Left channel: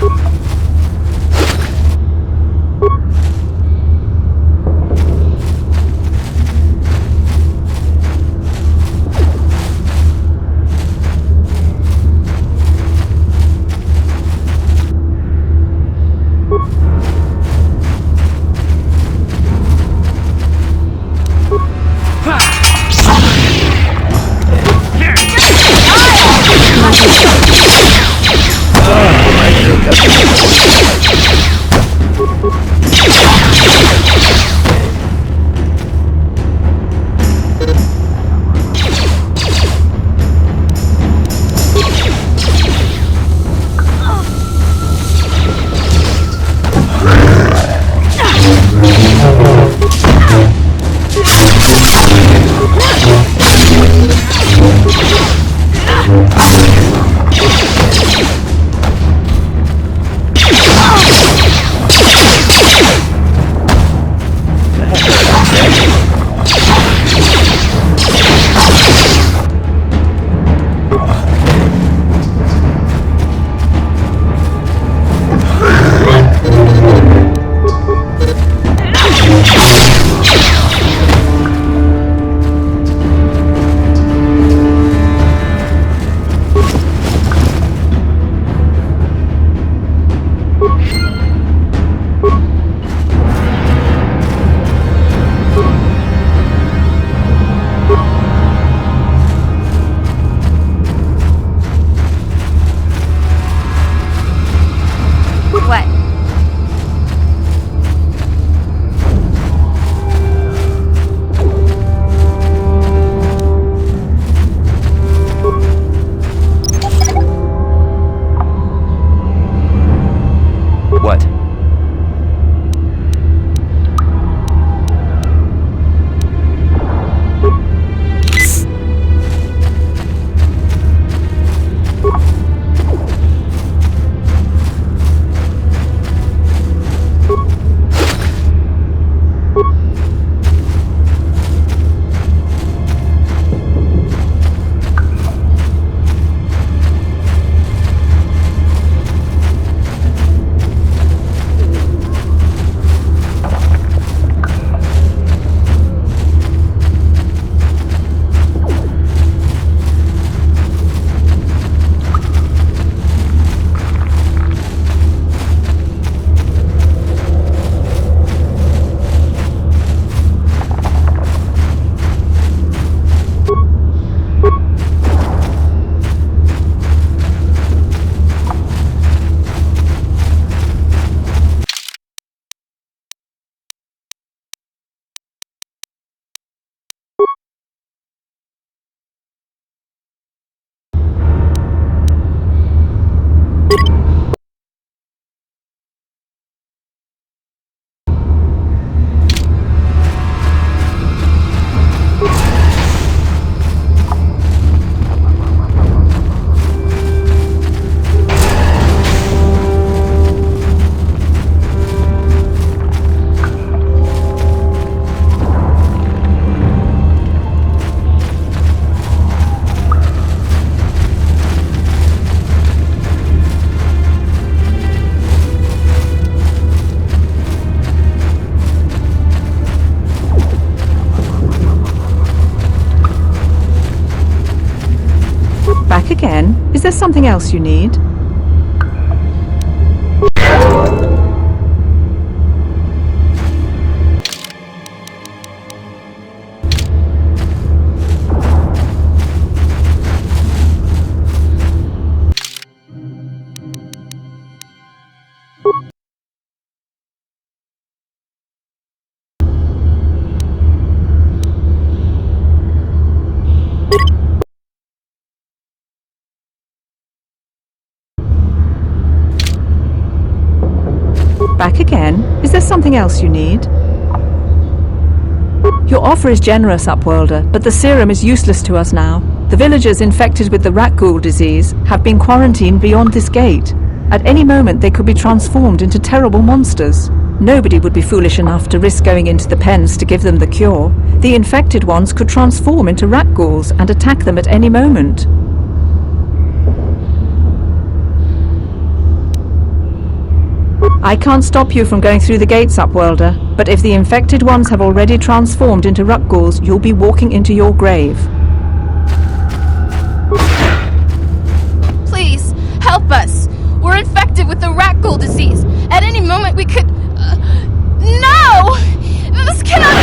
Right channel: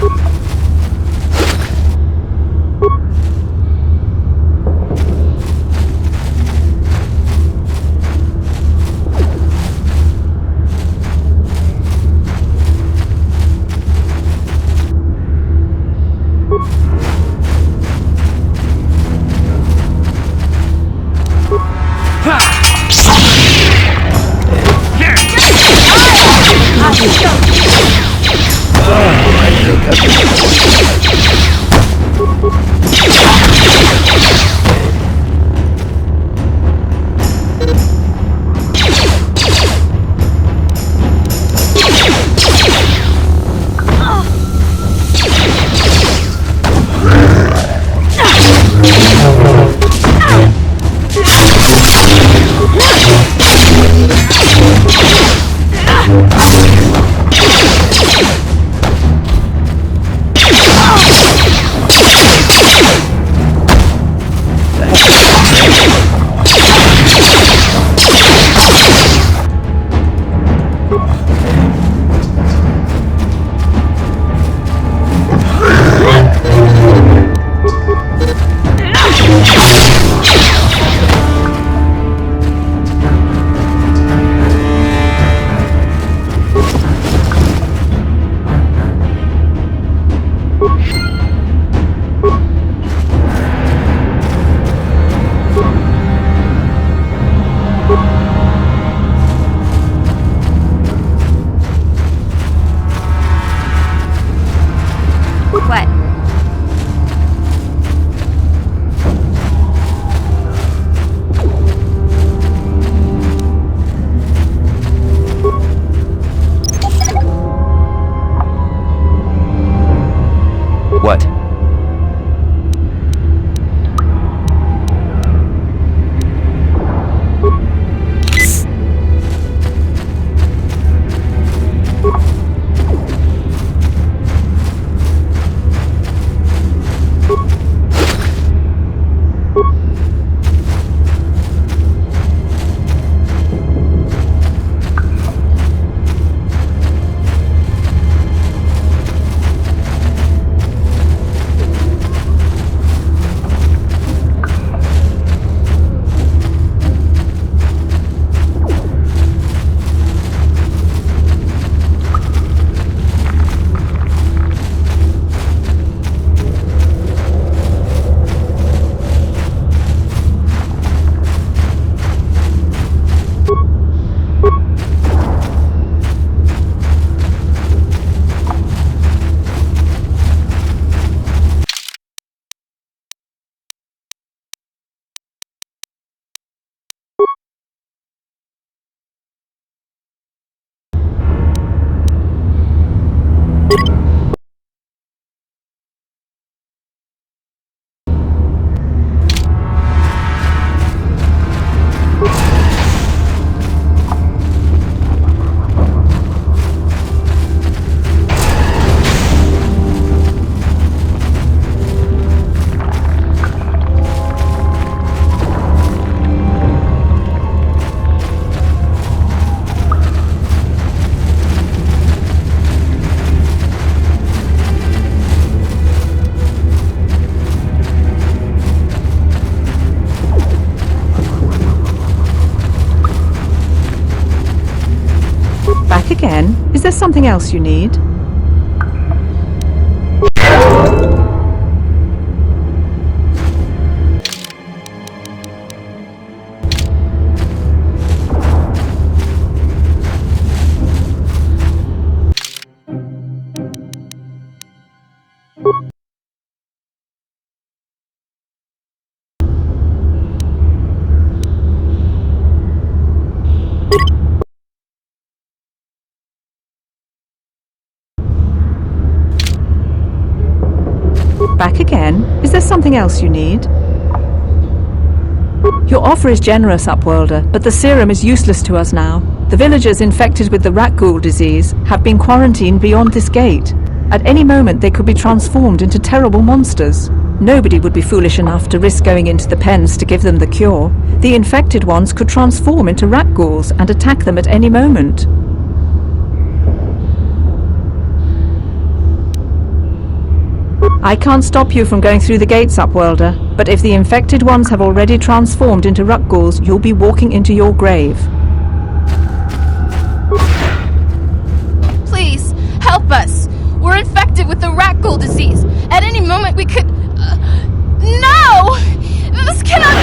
What? What? Back again? Is there something else you need? Back again? Is there something else you need? Your offer is generous, Upworlder, but the serum is useless to us now. The villagers infected with the rat ghoul disease have been quarantined beyond this gate. At any moment they could be transformed into terrible monsters. Nobody would be foolish enough to risk going into the pens to give them the cure. The infected ones could transform into rat ghouls and attack them at any moment. I can't stop you from going through the gates, Upworlder, but if the infected ones have already transformed into Ruckghouls, you'll be walking into your grave. Please, help us! We're infected with the rat ghoul disease. At any moment we could... No! This cannot...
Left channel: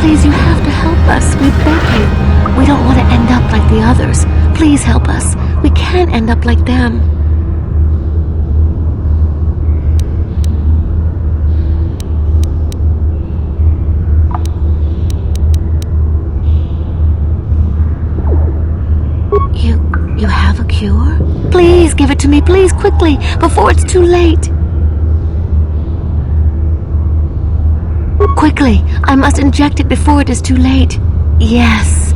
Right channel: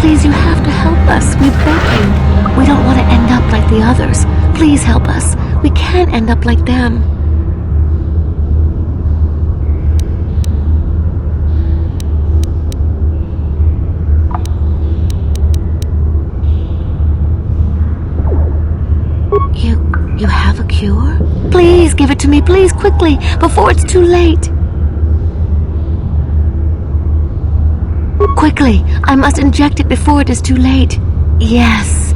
Please, you have to help us. We beg you. We don't want to end up like the others. Please help us. We can't end up like them. You have a cure? Please give it to me, please, quickly, before it's too late. Quickly, I must inject it before it is too late. Yes,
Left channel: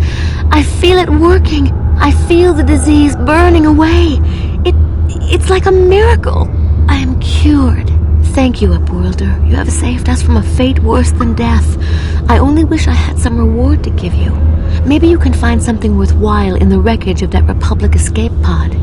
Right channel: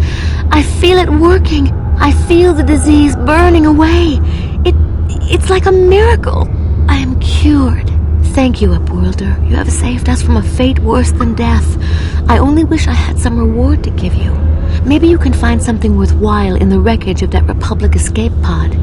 I feel it working. I feel the disease burning away. It's like a miracle. I am cured. Thank you, Upworlder. You have saved us from a fate worse than death. I only wish I had some reward to give you. Maybe you can find something worthwhile in the wreckage of that Republic escape pod.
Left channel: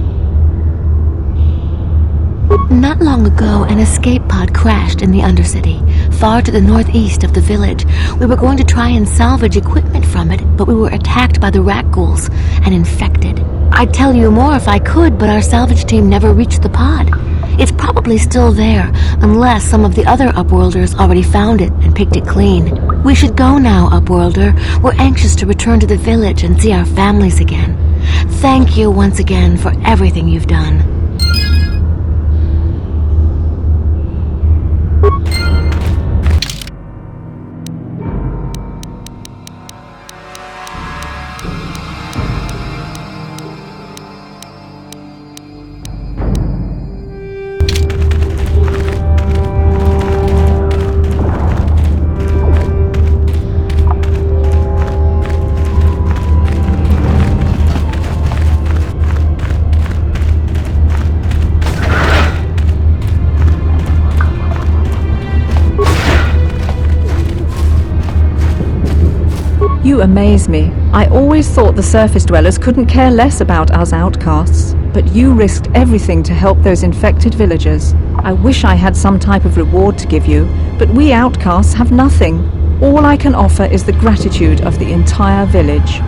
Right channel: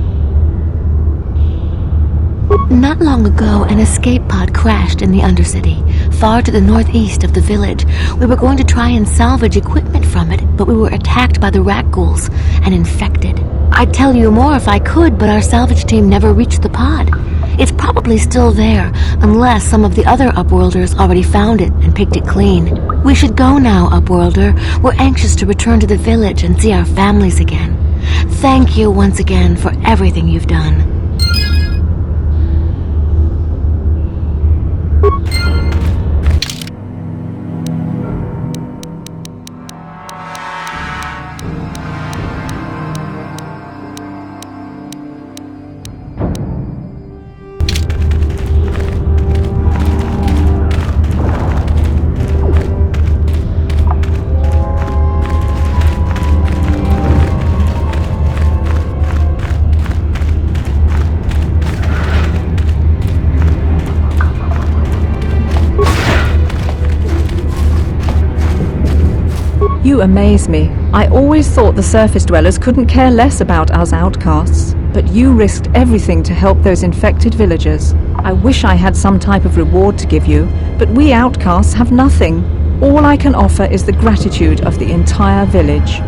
Not long ago, an escape pod crashed in the Undercity, far to the northeast of the village. We were going to try and salvage equipment from it, but we were attacked by the rat ghouls and infected. I'd tell you more if I could, but our salvage team never reached the pod. It's probably still there, unless some of the other Upworlders already found it and picked it clean. We should go now, Upworlder. We're anxious to return to the village and see our families again. Thank you once again for everything you've done. You amaze me. I always thought the surface dwellers couldn't care less about us outcasts, but you risked everything to help those infected villagers. I wish I had some type of reward to give you, but we outcasts have nothing. All I can offer is the gratitude of the entire village.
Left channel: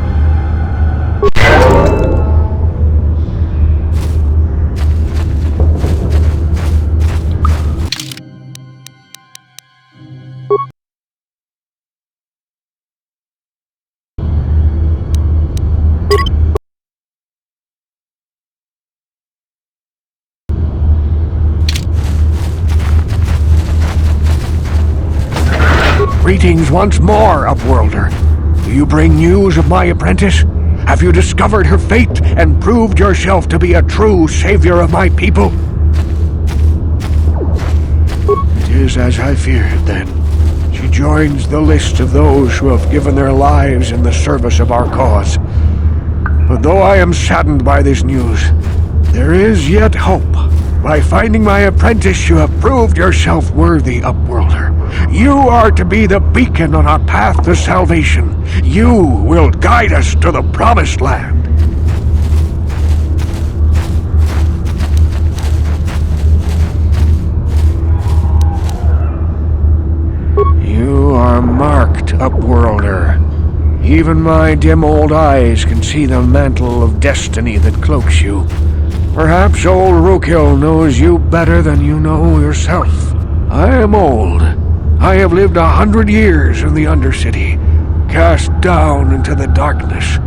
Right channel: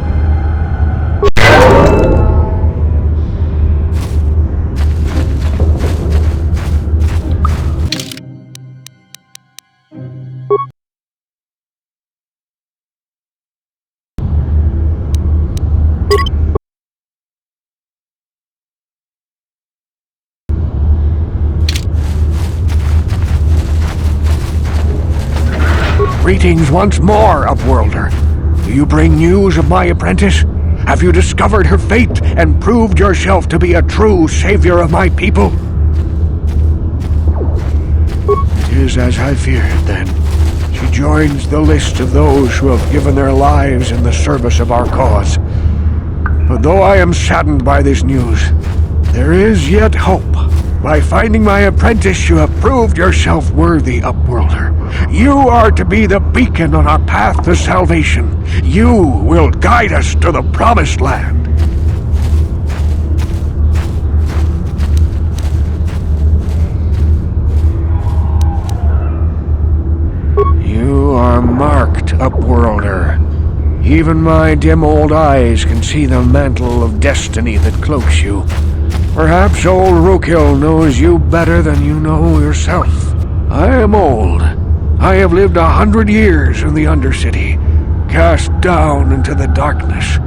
Greetings once more, Upworlder. Do you bring news of my apprentice? Have you discovered her fate and proved yourself to be a true savior of my people? It is as I feared, then. She joins the list of those who have given their lives in the service of our cause. But though I am saddened by this news, there is yet hope. By finding my apprentice, you have proved yourself worthy, Upworlder. You are to be the beacon on our path to salvation. You will guide us to the promised land. You are marked, Upworlder. Even my dim old eyes can see the mantle of destiny that cloaks you. Perhaps old Rookhill knows you better than you know yourself. I am old. I have lived 100 years in the Undercity, cast down into the darkness.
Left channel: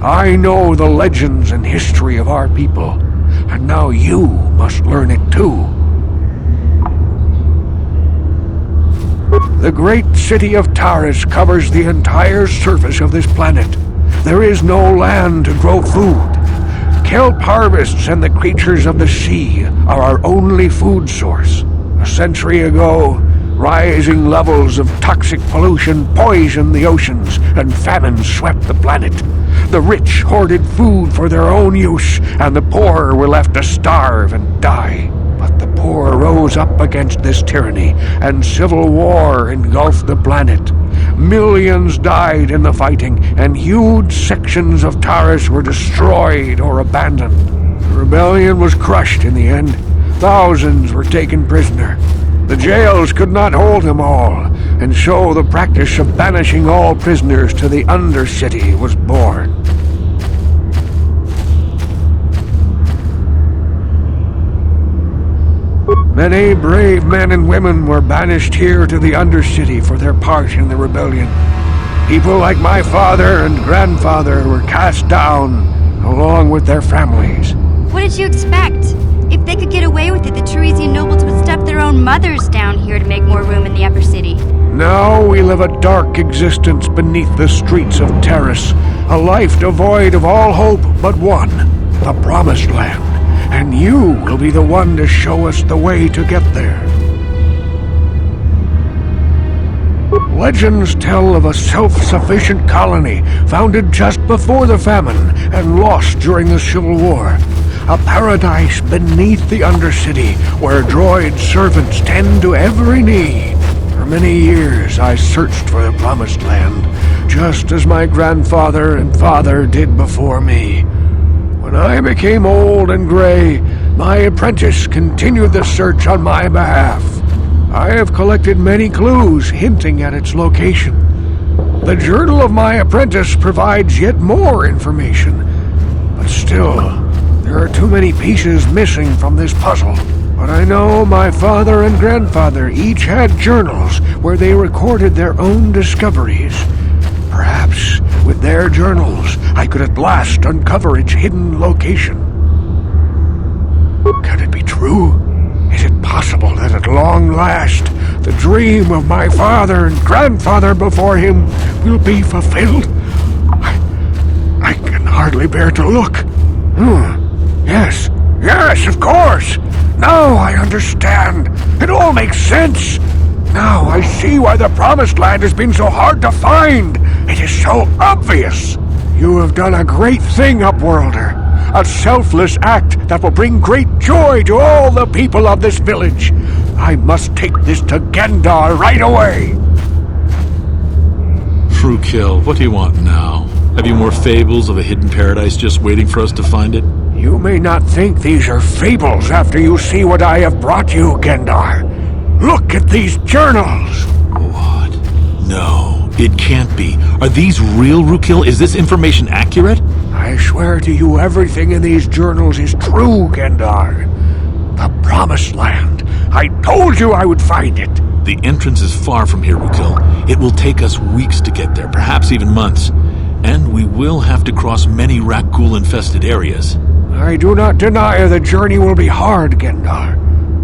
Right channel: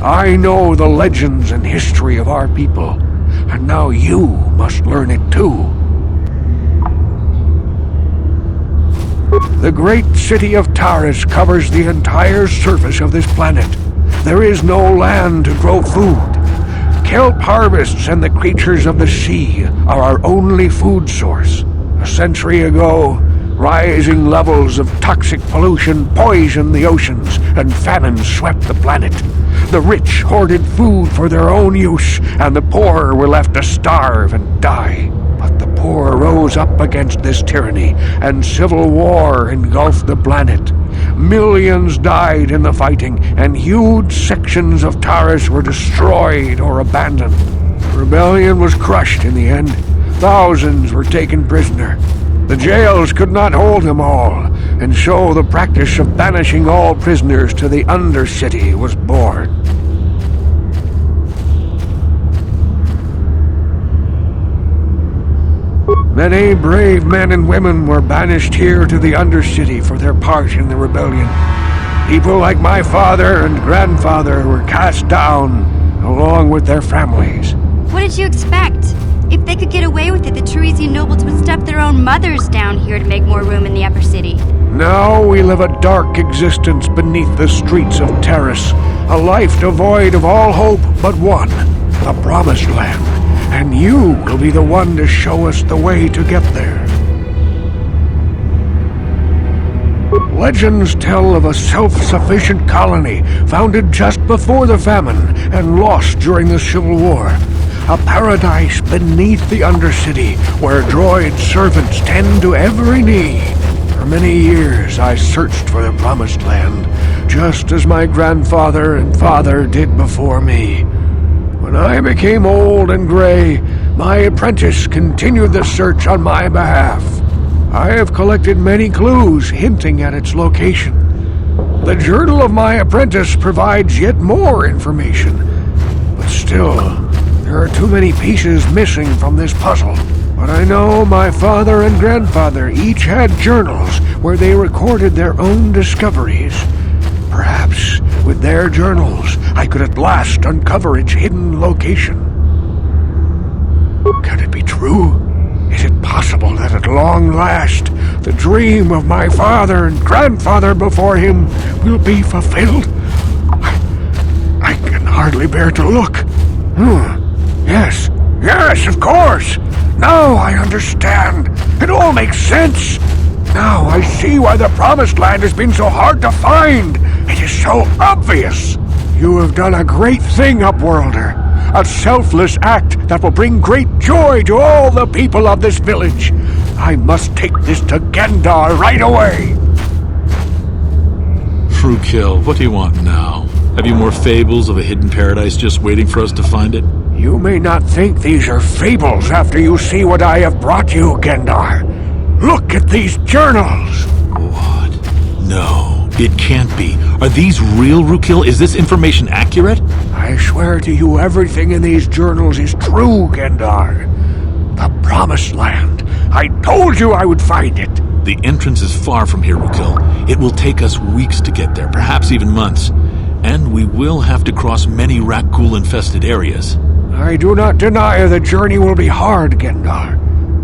I know the legends and history of our people, and now you must learn it too. The great city of Taris covers the entire surface of this planet. there is no land to grow food. Kelp harvests and the creatures of the sea are our only food source. A century ago, rising levels of toxic pollution poisoned the oceans and famine swept the planet. The rich hoarded food for their own use, and the poor were left to starve and die. But the poor rose up against this tyranny, and civil war engulfed the planet. Millions died in the fighting, and huge sections of Taurus were destroyed or abandoned. The rebellion was crushed in the end. Thousands were taken prisoner. The jails could not hold them all, and so the practice of banishing all prisoners to the Undercity was born. Many brave men and women were banished here to the Undercity for their part in the rebellion. People like my father and grandfather were cast down, along with their families. What did you expect? If they could get away with it, the Teresian nobles would step their own mothers down here to make more room in the upper city. Now we live a dark existence beneath the streets of Terrace, a life devoid of all hope but one, the Promised Land. And you will be the one to show us the way to get there. Legends tell of a self-sufficient colony founded just before the famine and lost during the Civil War. A paradise beneath the Undercity where droid servants tend to every need. For many years I searched for the Promised Land, just as my grandfather and father did before me. When I became old and gray, my apprentice continued the search on my behalf. I have collected many clues hinting at its location. The journal of my apprentice provides yet more information, but still, there are too many pieces missing from this puzzle. But I know my father and grandfather each had journals where they recorded their own discoveries. Perhaps, with their journals, I could at last uncover its hidden location. Can it be true? Is it possible that at long last, the dream of my father and grandfather before him will be fulfilled? I can hardly bear to look. Yes, of course. Now I understand. It all makes sense. Now I see why the Promised Land has been so hard to find. It is so obvious. You have done a great thing, Upworlder. A selfless act that will bring great joy to all the people of this village. I must take this to Gendar right away. Rookil, what do you want now? Have you more fables of a hidden paradise just waiting for us to find it? You may not think these are fables after you see what I have brought you, Gendar. Look at these journals! What? No, it can't be. Are these real, Rookil? Is this information accurate? I swear to you everything in these journals is true, Gendar. The Promised Land. I told you I would find it. The entrance is far from here, Rookil. It will take us weeks to get there, perhaps even months. And we will have to cross many Rakghoul-infested areas. I do not deny the journey will be hard, Gendar.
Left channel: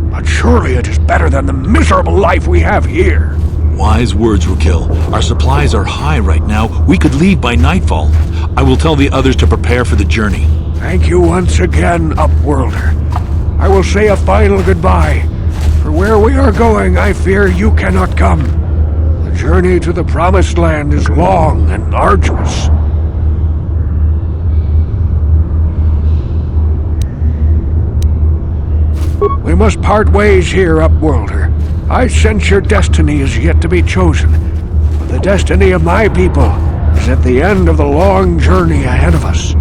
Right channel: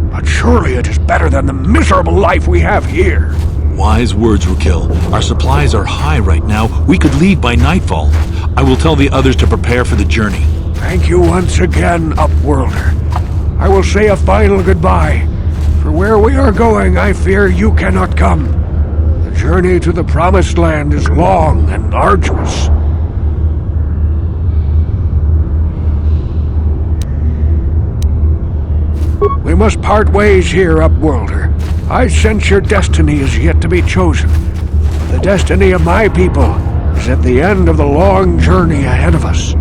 But surely it is better than the miserable life we have here. Wise words, Rookil. Our supplies are high right now. We could leave by nightfall. I will tell the others to prepare for the journey. Thank you once again, Upworlder. I will say a final goodbye. For where we are going, I fear you cannot come. The journey to the Promised Land is long and arduous. We must part ways here, Upworlder. I sense your destiny is yet to be chosen, but the destiny of my people is at the end of the long journey ahead of us.